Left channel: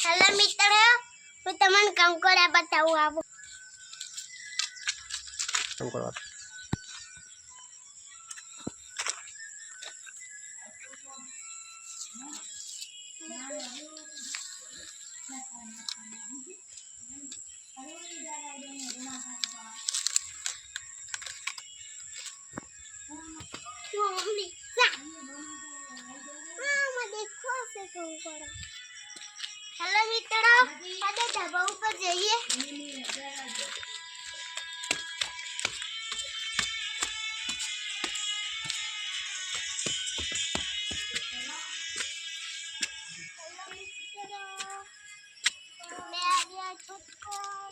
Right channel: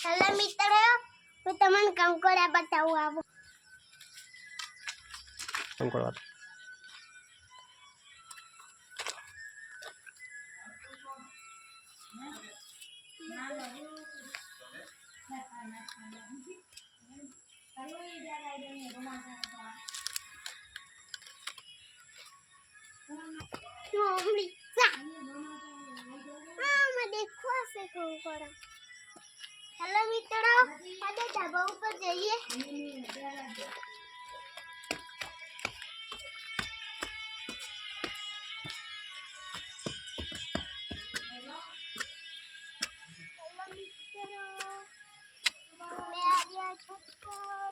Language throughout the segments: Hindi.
હેલો મિત્રો હું તમને કંકોડા બતાવું આવું. કંકોડા દેખો હશે કંકોડા હેલો મિત્રો આજે ધાબા ઉપર જઈએ હેલો મિત્રો मैं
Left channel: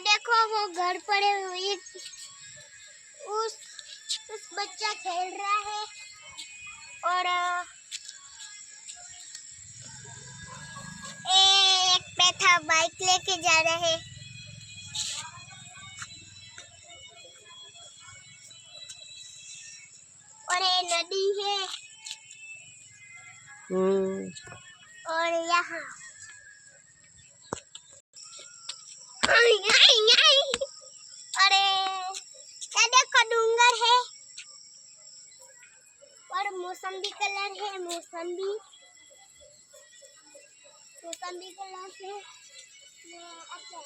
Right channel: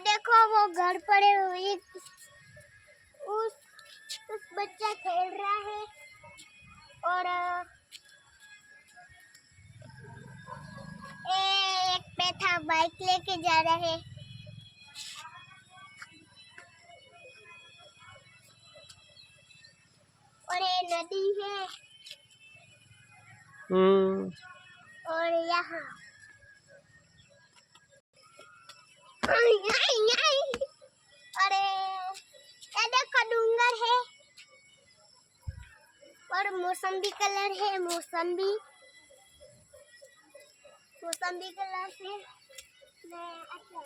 देखो वो घर पड़े हुए उस उस बच्चा खेल रहा है। और एक बैठा बाइक लेके जा रहा है। और ये नदी है। હમ और यहाँ। अरे ये देखो डूंगर है। और मौसम्बी कलर है मौसम्बी। मौसम्बी कलर मैं अच्छा